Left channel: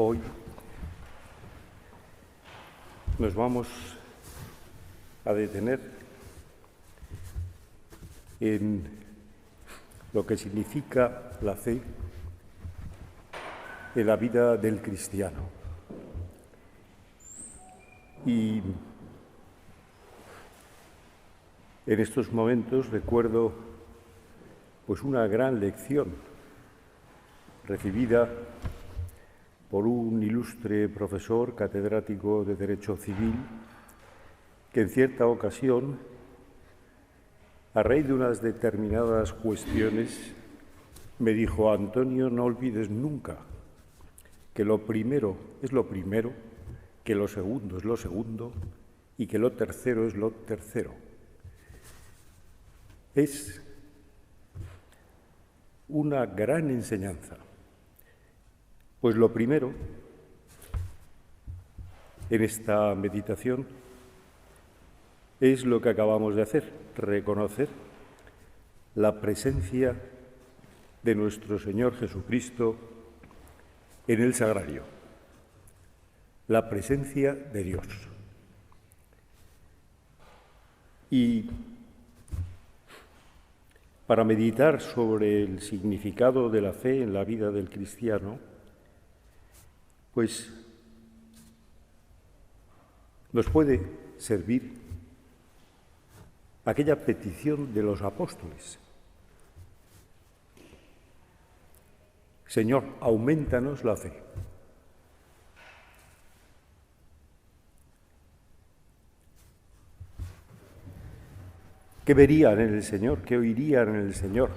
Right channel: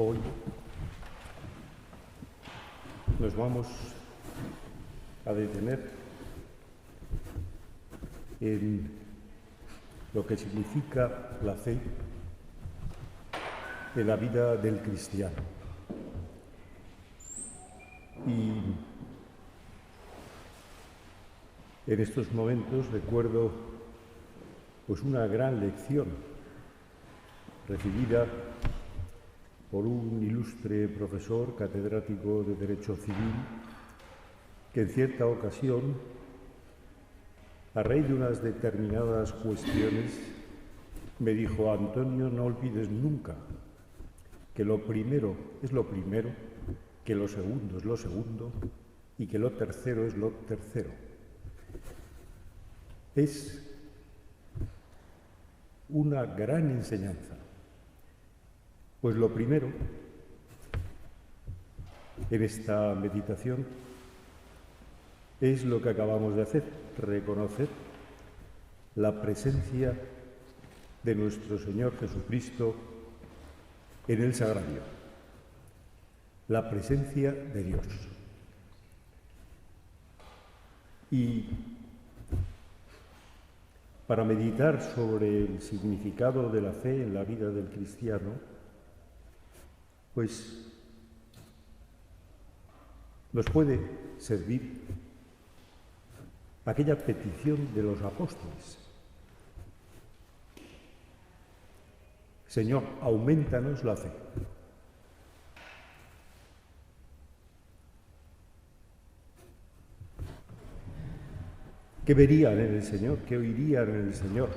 Hoy nos vamos a detener en lo que significa la fe en la vida del cristiano. Y en estos momentos recuerdo pues una gran lección recibida por un ilustre profesor catedrático de Derecho Civil que en cierta ocasión, a raíz de unas determinadas cuestiones, me dijo: Antonio, no olvides nunca que lo primero es lo primero, que lo segundo es lo segundo y que lo tercero es lo tercero. Es una gran enseñanza, pues lo primero en esta meditación es lo que acabamos de hacer, reconocer la presencia de nuestro Señor Jesucristo en el sagrario, la presencia de Dios. Y para meditar sobre el significado de la fe en la vida del cristiano, pues nos puede servir aquella petición de los apóstoles: Señor, aumentanos la fe. ¿Qué verían en el Señor? ¿Qué oirían en el Señor?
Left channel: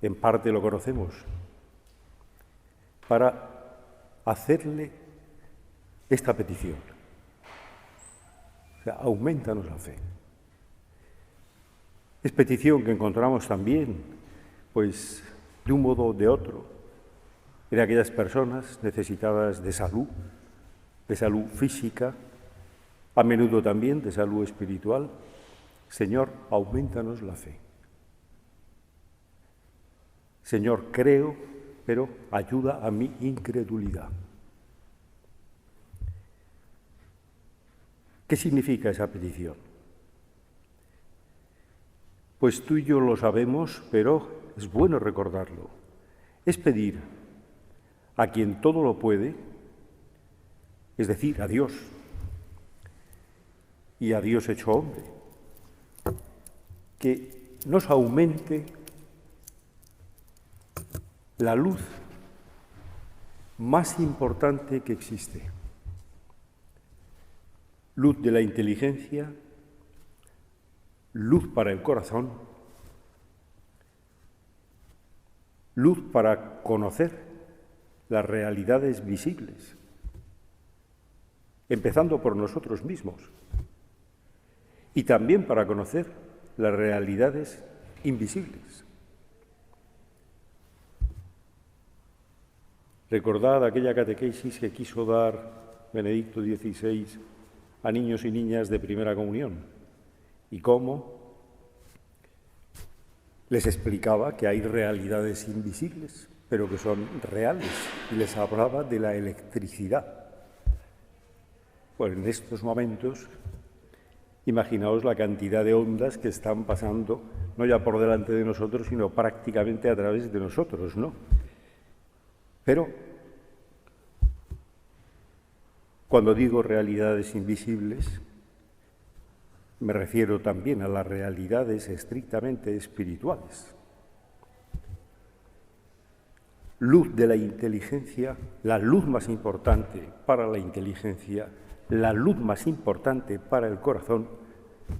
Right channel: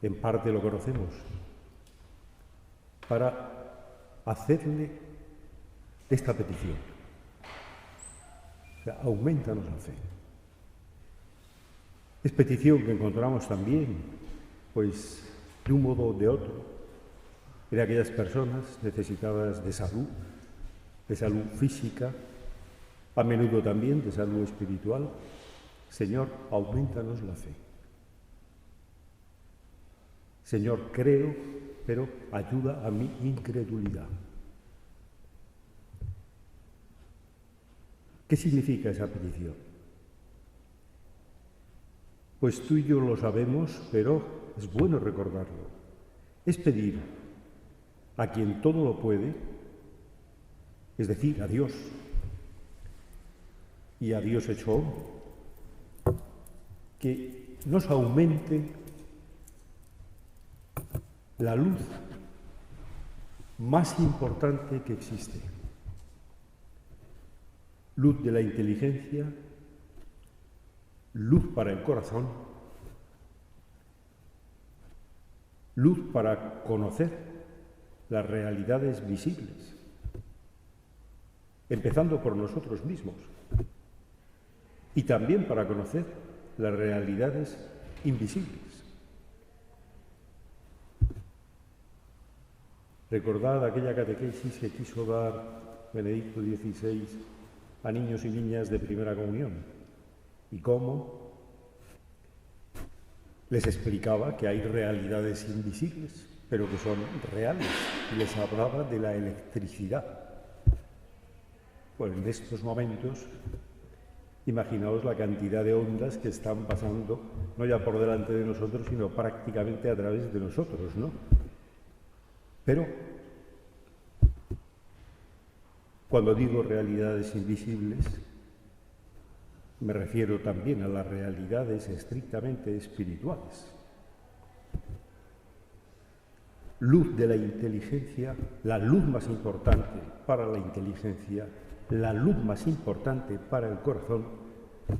En parte lo conocemos. Para hacerle esta petición. O sea, aumentanos la fe. Es petición que encontramos también, pues, de un modo o de otro, en aquellas personas necesitadas de salud física, a menudo también de salud espiritual. Señor, aumentanos la fe. Señor, creo, pero ayuda a mi incredulidad. ¿Qué significa esa petición? Pues tú y yo lo sabemos, pero es bueno recordarlo. Es pedir a quien todo lo puede, es decir, a Dios, y a Dios hecho hombre, que nos aumente la luz más importante que existe. Luz de la inteligencia, luz para el corazón, luz para conocer las realidades visibles, empezando por nosotros mismos, y también para conocer las realidades invisibles. Recordad aquella catequesis que quiso dar Benedicto XVI a niños y niñas de primera comunión, y cómo les explicaba que hay realidades invisibles, pero que son reales, y les hablaba de la electricidad. Pues en estos momentos, imaginaos la cantidad de ondas que están pasando, no ya por delante de nosotros, sino prácticamente a través de nosotros, ¿no? Pero cuando digo realidades invisibles, me refiero también a las realidades estrictamente espirituales. Luz de la inteligencia, la luz más importante para la inteligencia, la luz más importante para el corazón,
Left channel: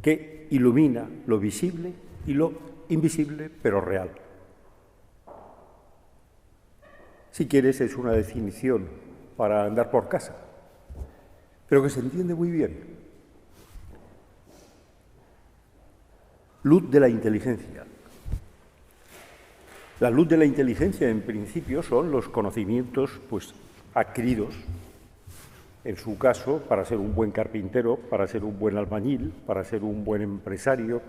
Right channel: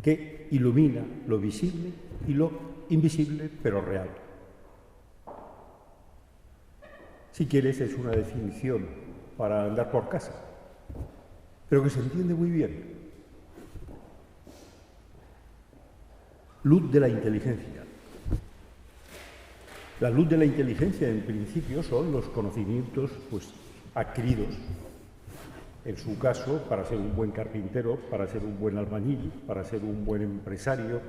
que ilumina lo visible y lo invisible, pero real. Si quieres, es una definición para andar por casa, pero que se entiende muy bien. Luz de la inteligencia. La luz de la inteligencia, en principio, son los conocimientos, pues, adquiridos, en su caso, para ser un buen carpintero, para ser un buen albañil, para ser un buen empresario.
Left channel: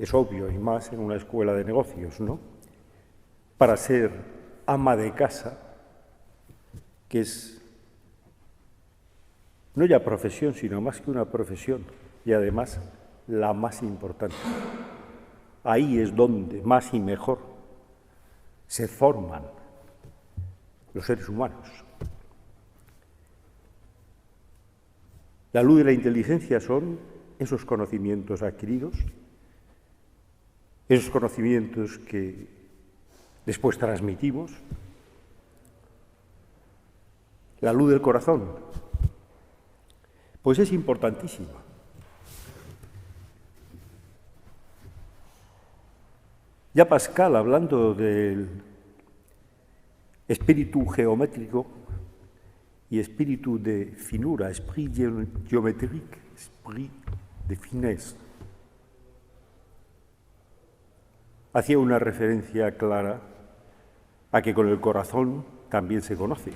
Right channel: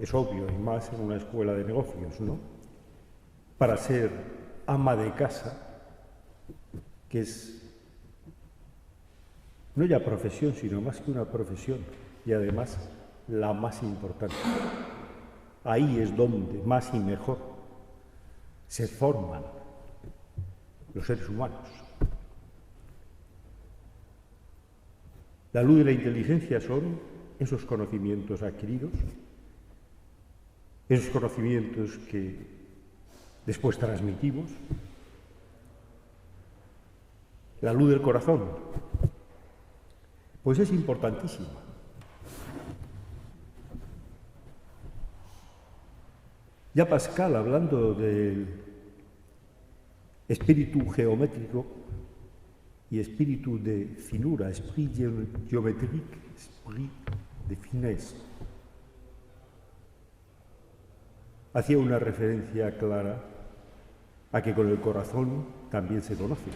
Es obvio, y más en una escuela de negocios, ¿no? Para ser ama de casa, que es no ya profesión, sino más que una profesión, y además la más importante. Ahí es donde más y mejor se forman los seres humanos. La luz de la inteligencia son esos conocimientos adquiridos, esos conocimientos que después transmitimos. La luz del corazón, pues es importantísima. Ya Pascal, hablando del espíritu geométrico y espíritu de finura, esprit géométrique, esprit de finesse, hacía una referencia clara a que con el corazón también se conoce.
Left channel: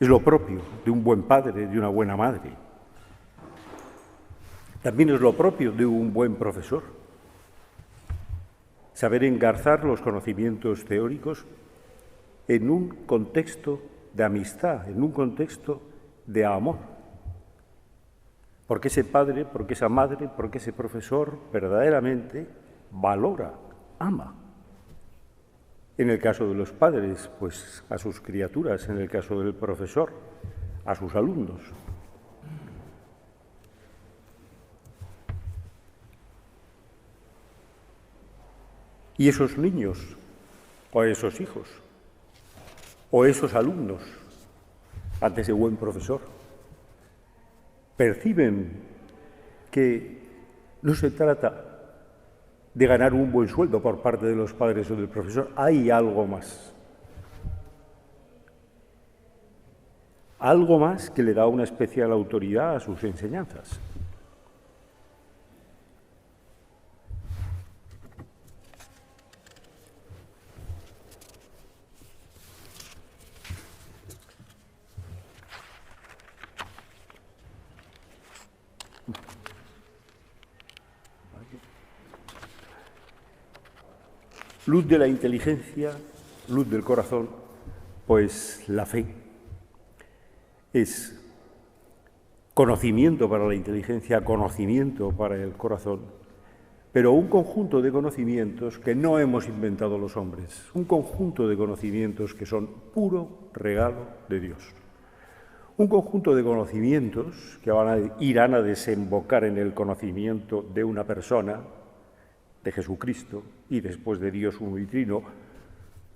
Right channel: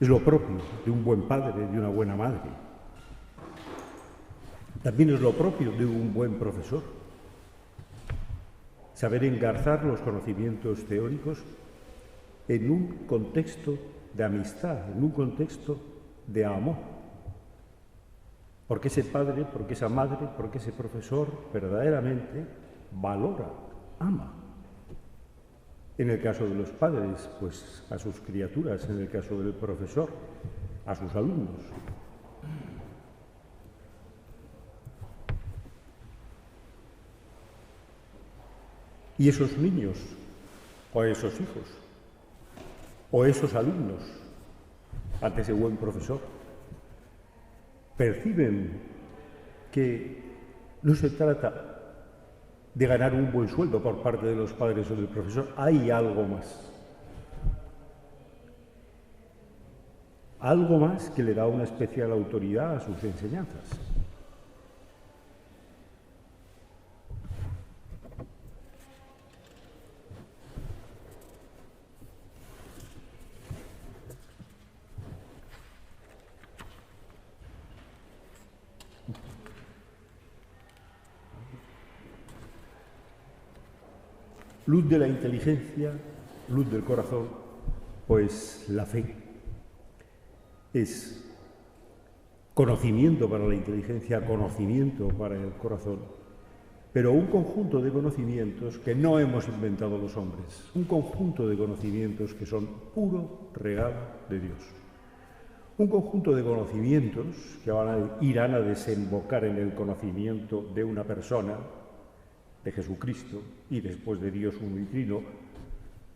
Es lo propio de un buen padre, de una buena madre. También es lo propio de un buen profesor. Saber engarzar los conocimientos teóricos en un contexto de amistad, en un contexto de amor. Porque ese padre, porque esa madre, porque ese profesor verdaderamente valora, ama. En el caso de los padres, pues a sus criaturas; en el caso del profesor, a sus alumnos. Y esos niños, o esos hijos, o esos alumnos, ante ese buen profesor, perciben que no se trata de ganar un buen sueldo por parte de los padres o del profesor. Hay algo más. Algo más que le da una especial autoridad a sus enseñanzas. Luz de la inteligencia, luz del corazón, pues la fe es conocimiento para la inteligencia, conocimiento para el corazón, pero un conjunto de conocimientos que no hemos inventado los hombres, un conjunto de conocimientos que son puro regalo de Dios. Un conjunto de conocimientos que irán a desembocar en el conocimiento de una persona, de Jesucristo y después de Dios uno y trino,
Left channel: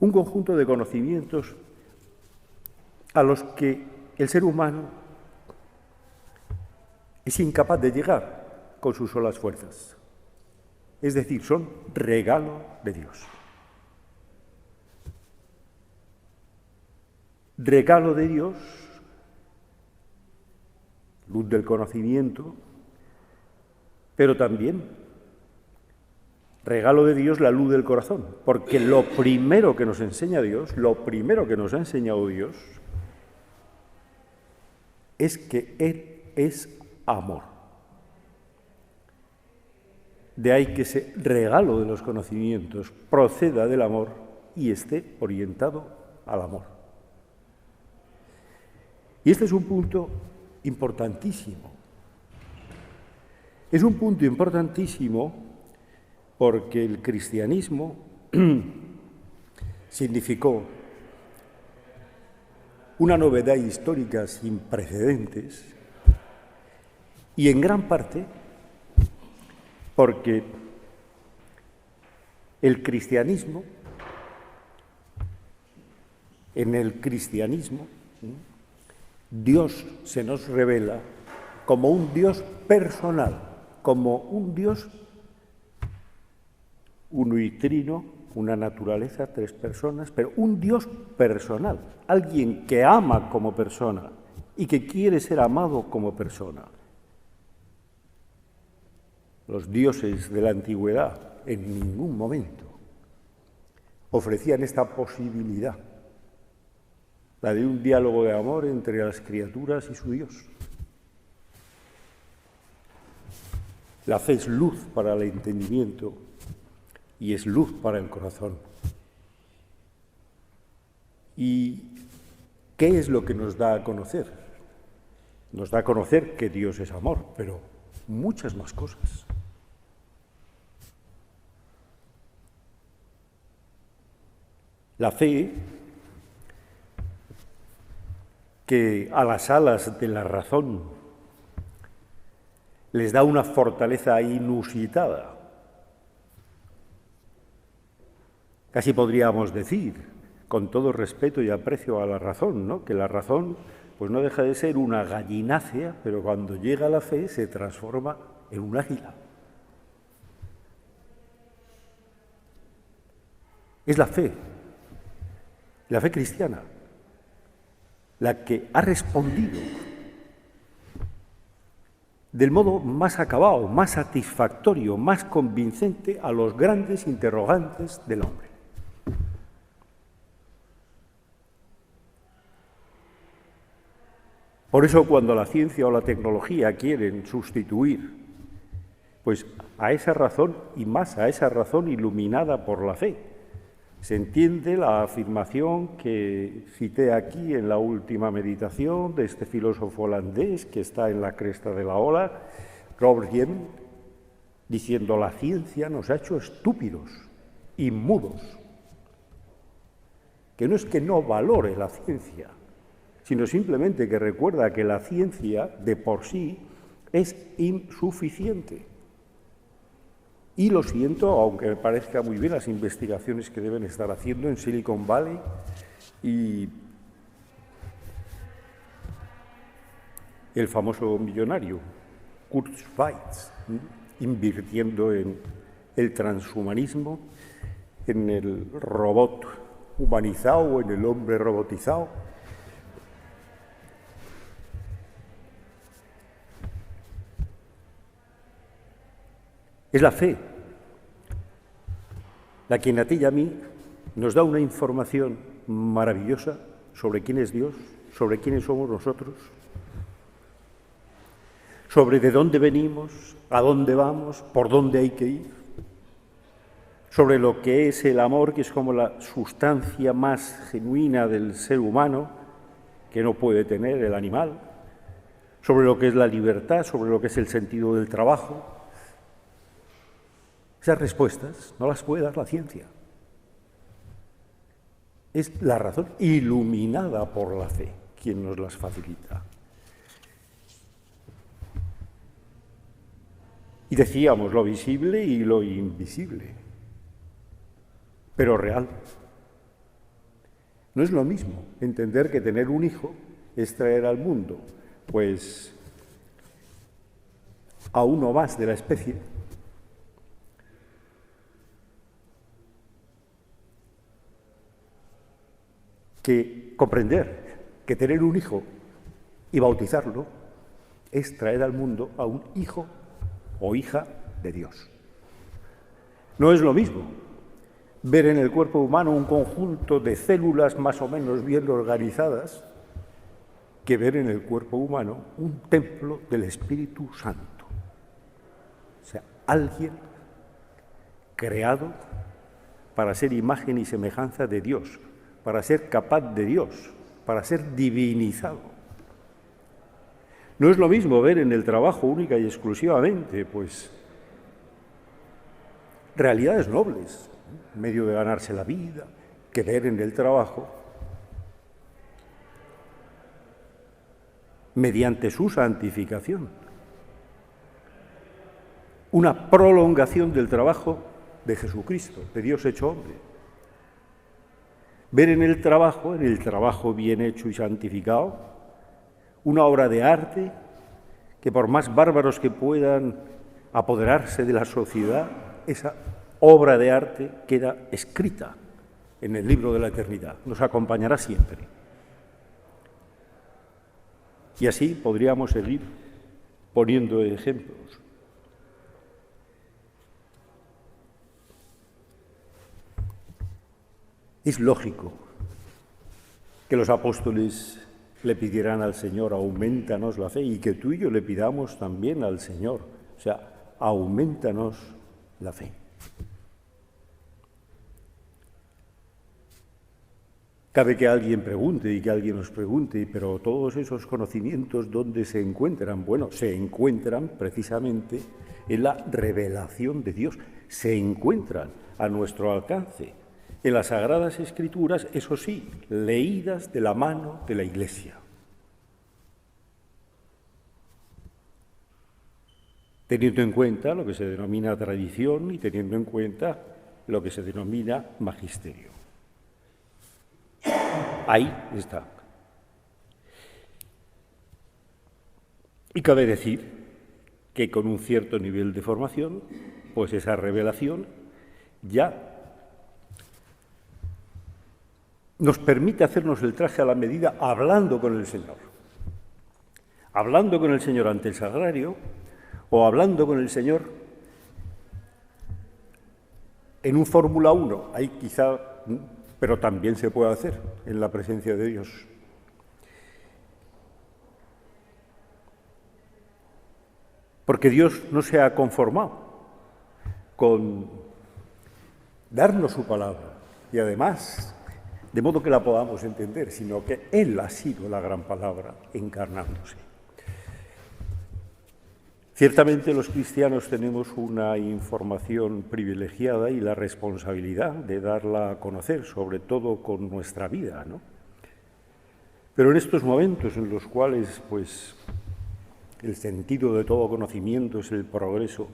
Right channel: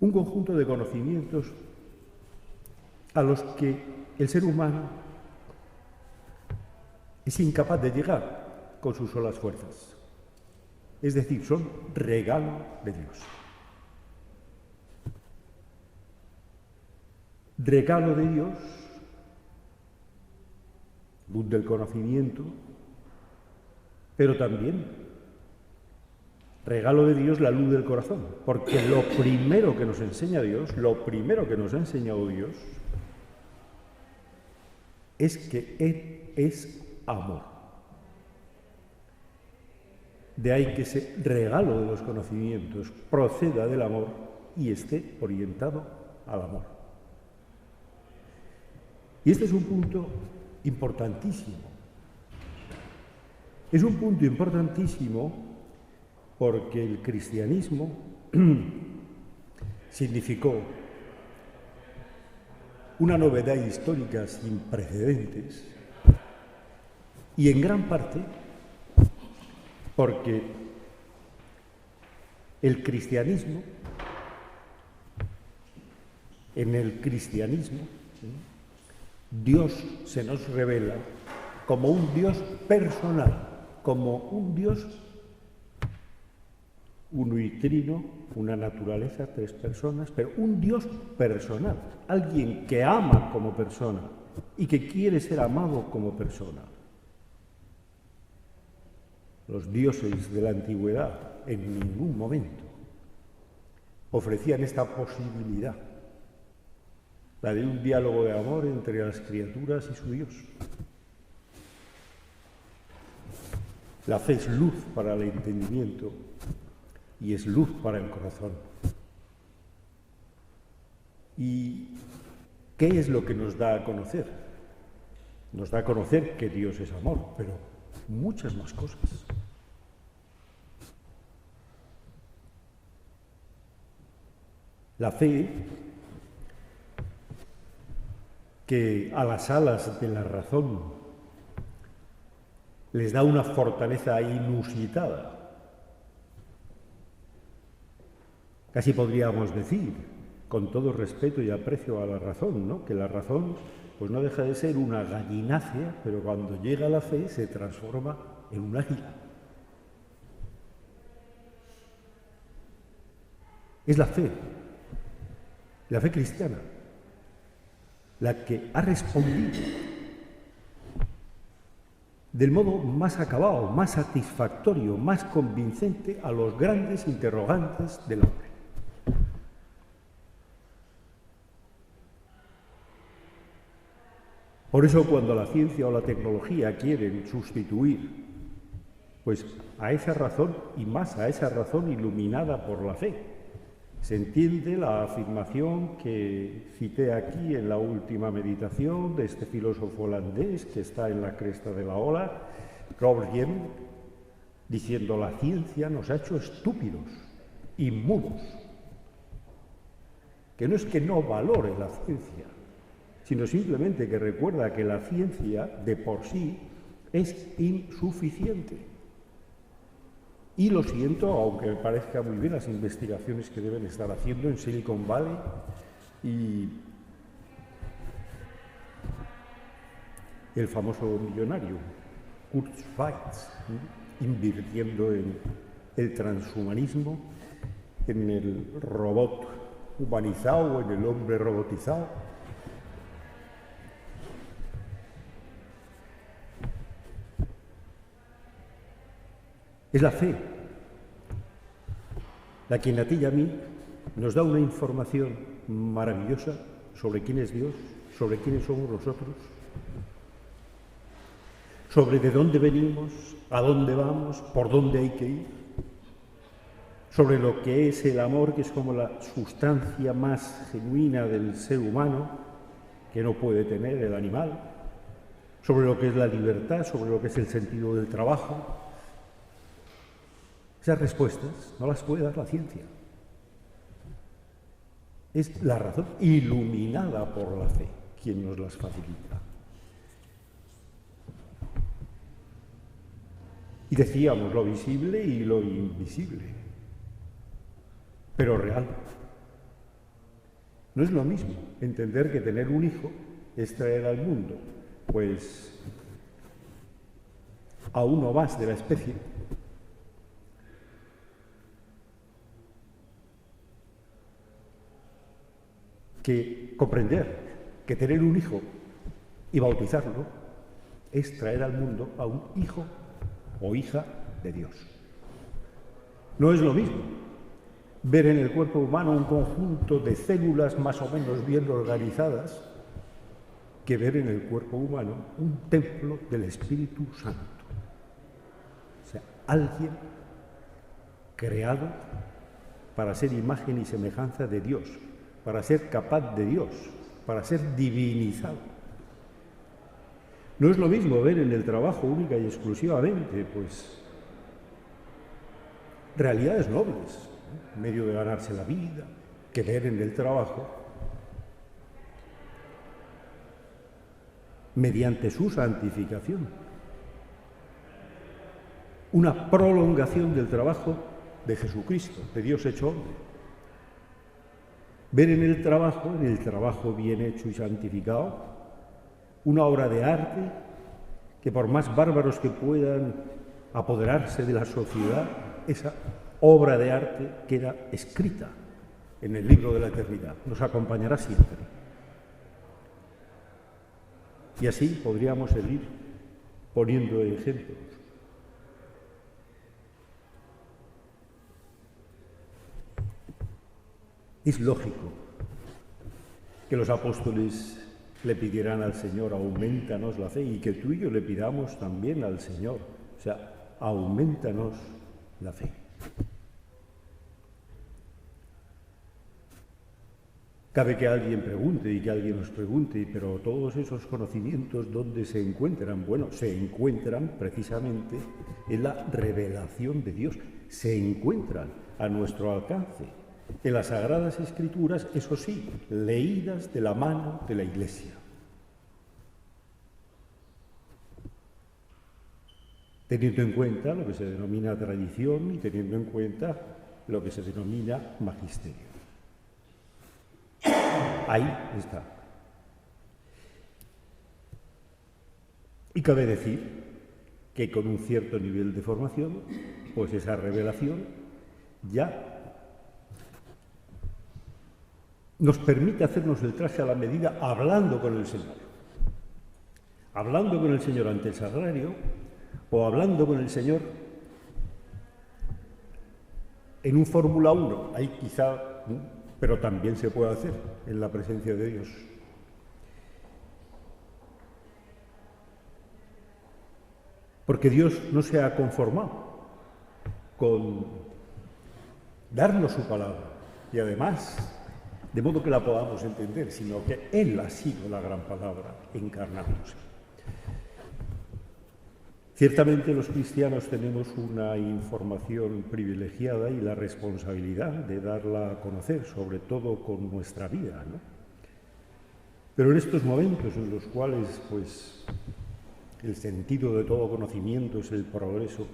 un conjunto de conocimientos a los que el ser humano es incapaz de llegar con sus solas fuerzas. Es decir, son regalo de Dios. Regalo de Dios, luz del conocimiento, pero también regalo de Dios, la luz del corazón, porque lo primero que nos enseña Dios, lo primero que nos ha enseñado Dios, es que Él es amor. De ahí que ese regalo de los conocimientos proceda del amor y esté orientado al amor. Y este es un punto importantísimo. Es un punto importantísimo porque el cristianismo significó una novedad histórica sin precedentes y en gran parte porque el cristianismo, en el cristianismo, Dios se nos revela como un Dios personal, como un Dios uno y trino, una naturaleza, tres personas, pero un Dios personal, alguien que ama como persona y que quiere ser amado como persona. Los dioses de la antigüedad en ningún momento ofrecían esta posibilidad, la de un diálogo de amor entre las criaturas y su Dios. La fe es luz para el entendimiento y es luz para el corazón. ¿Y qué es lo que nos da a conocer? Nos da a conocer que Dios es amor, pero muchas más cosas. La fe, que a las alas de la razón les da una fortaleza inusitada. Casi podríamos decir, con todo respeto y aprecio a la razón, ¿no?, que la razón pues no deja de ser una gallinácea, pero cuando llega la fe se transforma en un águila. Es la fe cristiana, la que ha respondido del modo más acabado, más satisfactorio, más convincente a los grandes interrogantes del hombre. Por eso, cuando la ciencia o la tecnología quieren sustituir pues a esa razón, y más a esa razón iluminada por la fe, se entiende la afirmación que cité aquí en la última meditación de este filósofo holandés que está en la cresta de la ola, Robert Jem, diciendo: la ciencia nos ha hecho estúpidos y mudos. Que no es que no valore la ciencia, sino simplemente que recuerda que la ciencia de por sí es insuficiente. Y lo siento, aunque me parezca muy bien las investigaciones que deben estar haciendo en Silicon Valley y el famoso millonario Kurt Schweitz, invirtiendo en el transhumanismo, en el robot humanizado, en el hombre robotizado. Es la fe la que a ti y a mí nos da una información maravillosa sobre quién es Dios, sobre quiénes somos nosotros, sobre de dónde venimos, a dónde vamos, por dónde hay que ir, sobre lo que es el amor, que es como la sustancia más genuina del ser humano, que no puede tener el animal, sobre lo que es la libertad, sobre lo que es el sentido del trabajo. Esas respuestas no las puede dar la ciencia. Es la razón iluminada por la fe quien nos las facilita. Y decíamos lo visible y lo invisible, pero real. No es lo mismo entender que tener un hijo es traer al mundo, pues, a uno más de la especie, que comprender que tener un hijo y bautizarlo es traer al mundo a un hijo o hija de Dios. No es lo mismo ver en el cuerpo humano un conjunto de células más o menos bien organizadas que ver en el cuerpo humano un templo del Espíritu Santo. O sea, alguien creado para ser imagen y semejanza de Dios, para ser capaz de Dios, para ser divinizado. No es lo mismo ver en el trabajo única y exclusivamente, pues, realidades nobles, medio de ganarse la vida, que ver en el trabajo, mediante su santificación, una prolongación del trabajo de Jesucristo, de Dios hecho hombre. Ver en el trabajo bien hecho y santificado, una obra de arte que, por más bárbaros que puedan apoderarse de la sociedad, esa obra de arte queda escrita en el libro de la eternidad, nos acompañará siempre. Y así podríamos seguir poniendo ejemplos. Es lógico que los apóstoles le pidieran al Señor: aumentanos la fe, y que tú y yo le pidamos también al Señor, o sea, aumentanos la fe. Cabe que alguien pregunte y que alguien nos pregunte, pero todos esos conocimientos, ¿dónde se encuentran? Bueno, se encuentran precisamente en la revelación de Dios, se encuentran a nuestro alcance, en las Sagradas Escrituras, eso sí, leídas de la mano de la Iglesia. Teniendo en cuenta lo que se denomina tradición y teniendo en cuenta lo que se denomina magisterio. Ahí está. Y cabe decir que con un cierto nivel de formación, pues esa revelación ya nos permite hacernos el traje a la medida hablando con el Señor. Hablando con el Señor ante el sagrario o hablando con el Señor en un Fórmula 1, ahí quizá, pero también se puede hacer en la presencia de Dios. Porque Dios no se ha conformado con darnos su palabra y además, de modo que la podamos entender, sino que Él ha sido la gran palabra encarnándose. Ciertamente los cristianos tenemos una información privilegiada y la responsabilidad de darla a conocer, sobre todo con nuestra vida, ¿no? Pero en estos momentos en los cuales, pues, el sentido de todo conocimiento es el progreso,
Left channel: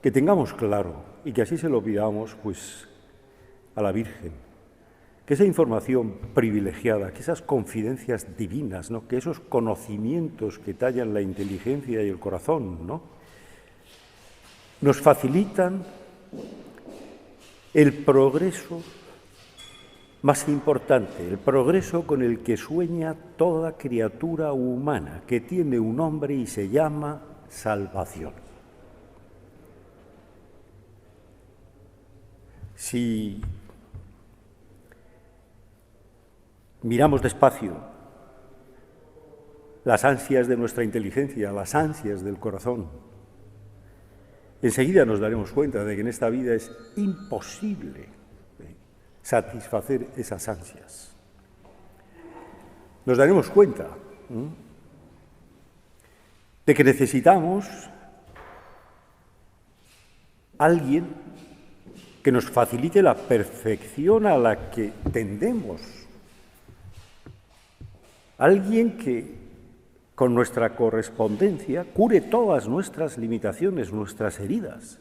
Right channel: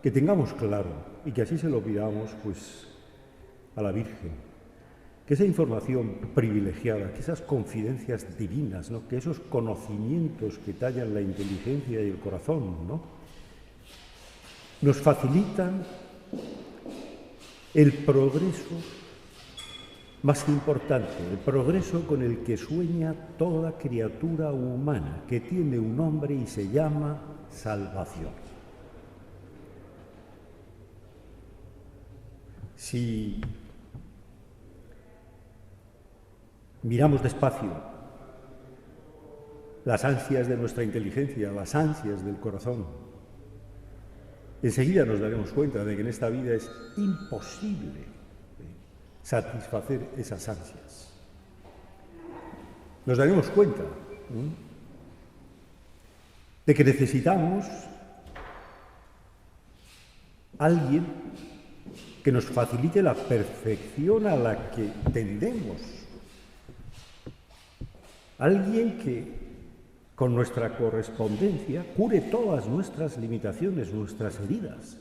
que tengamos claro y que así se lo pidamos, pues, a la Virgen, que esa información privilegiada, que esas confidencias divinas, ¿no?, que esos conocimientos que tallan la inteligencia y el corazón, ¿no?, nos facilitan el progreso más importante, el progreso con el que sueña toda criatura humana, que tiene un nombre y se llama salvación. Si miramos despacio las ansias de nuestra inteligencia, las ansias del corazón, enseguida nos daremos cuenta de que en esta vida es imposible satisfacer esas ansias. Nos daremos cuenta de que necesitamos alguien que nos facilite la perfección a la que tendemos. Alguien que, con nuestra correspondencia, cure todas nuestras limitaciones, nuestras heridas.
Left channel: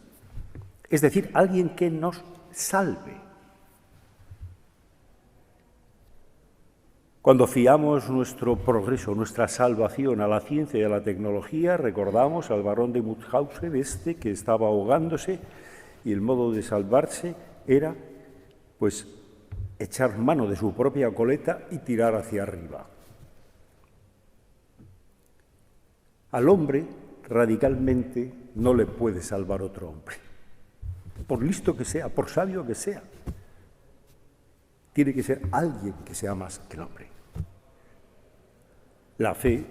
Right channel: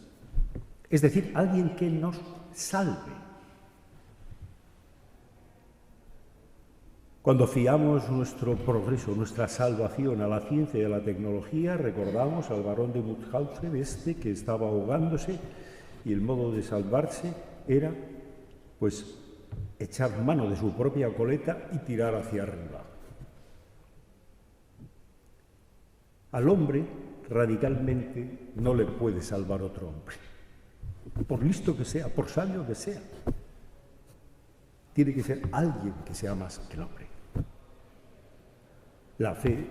Es decir, alguien que nos salve. Cuando fiamos nuestro progreso, nuestra salvación a la ciencia y a la tecnología, recordamos al barón de Mauthausen, que estaba ahogándose, y el modo de salvarse era, pues, echar mano de su propia coleta y tirar hacia arriba. Al hombre, radicalmente, no le puede salvar otro hombre. Por listo que sea, por sabio que sea, tiene que ser alguien que sea más que el hombre. La fe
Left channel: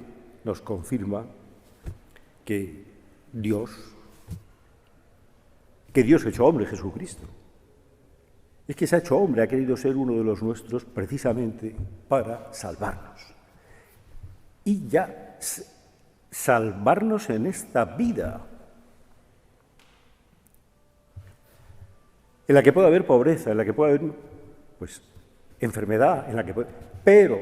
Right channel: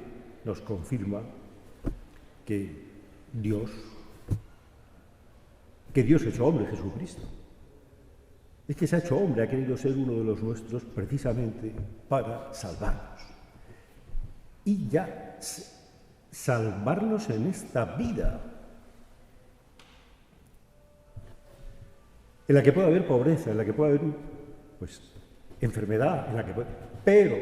nos confirma que Dios hecho hombre, Jesucristo, es que se ha hecho hombre, ha querido ser uno de los nuestros precisamente para salvarnos. Y ya salvarnos en esta vida, en la que puede haber pobreza, en la que puede haber, pues, enfermedad, pero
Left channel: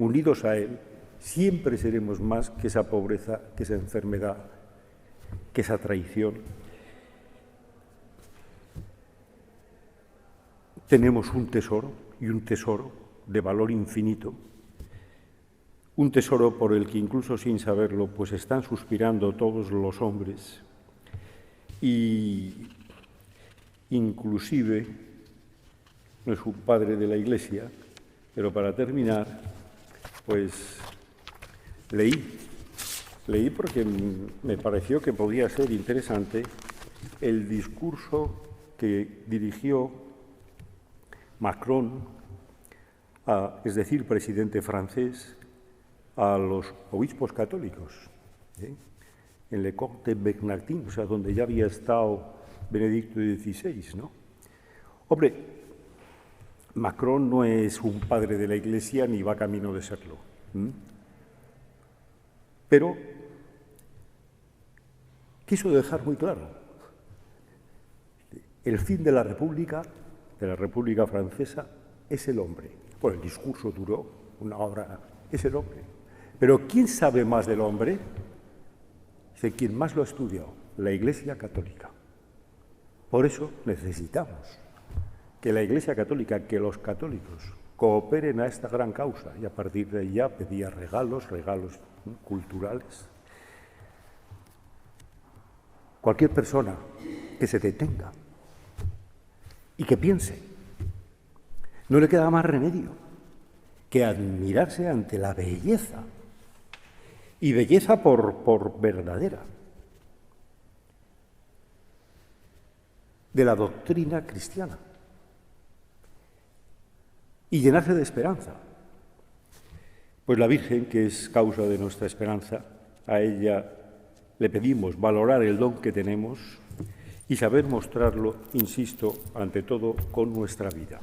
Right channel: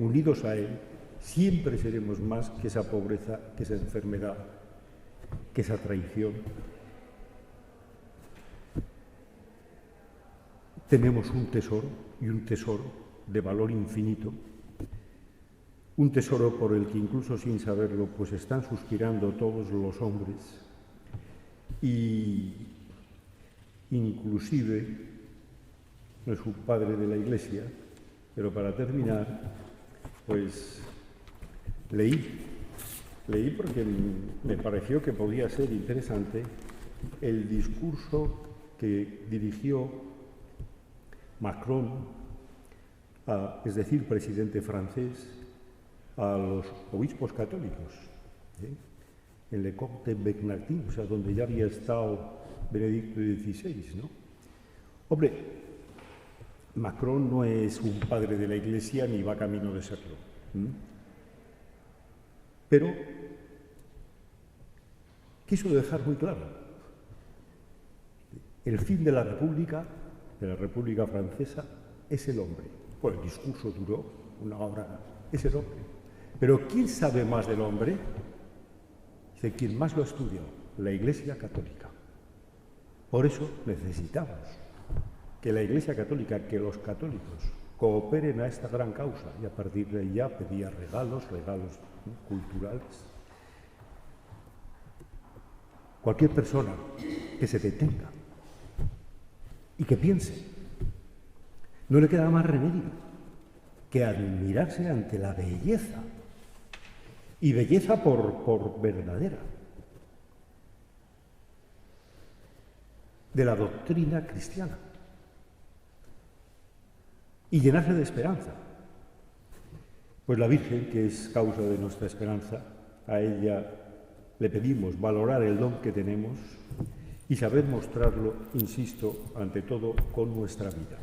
unidos a Él, siempre seremos más que esa pobreza, que esa enfermedad, que esa traición. Tenemos un tesoro, y un tesoro de valor infinito, un tesoro por el que incluso sin saberlo, pues están suspirando todos los hombres, y inclusive no es un padre de la Iglesia, pero para terminar, pues leí porque me pareció que podía ser interesante el discurso que dirigió Macron, es decir, presidente francés, a los obispos católicos, en Le Corte Bernardin, o sea, donde ya había estado Benedicto XVI, ¿no? Hombre, Macron no es un padre de la Iglesia ni va camino de serlo. Pero quiso dejar muy claro, el fin de la República Francesa, es el hombre. Pues el discurso duró una hora, es el hombre. Pero ¿quién sabe más del hombre? Dice, quien más lo ha estudiado, la Iglesia Católica. Por eso necesitamos que la Iglesia Católica, que los católicos cooperen a esta gran causa, y a partir de ahí ya pedía regalos culturales. Cualquier persona que se detenga y que piense, no le queda más remedio que admirarse ante la belleza, y belleza por verdadera, de la doctrina cristiana, y llenarse de esperanza. Pues la Virgen, que es causa de nuestra esperanza, a ella le pedimos valorar el don que tenemos y saber mostrarlo, insisto, ante todo con nuestra vida.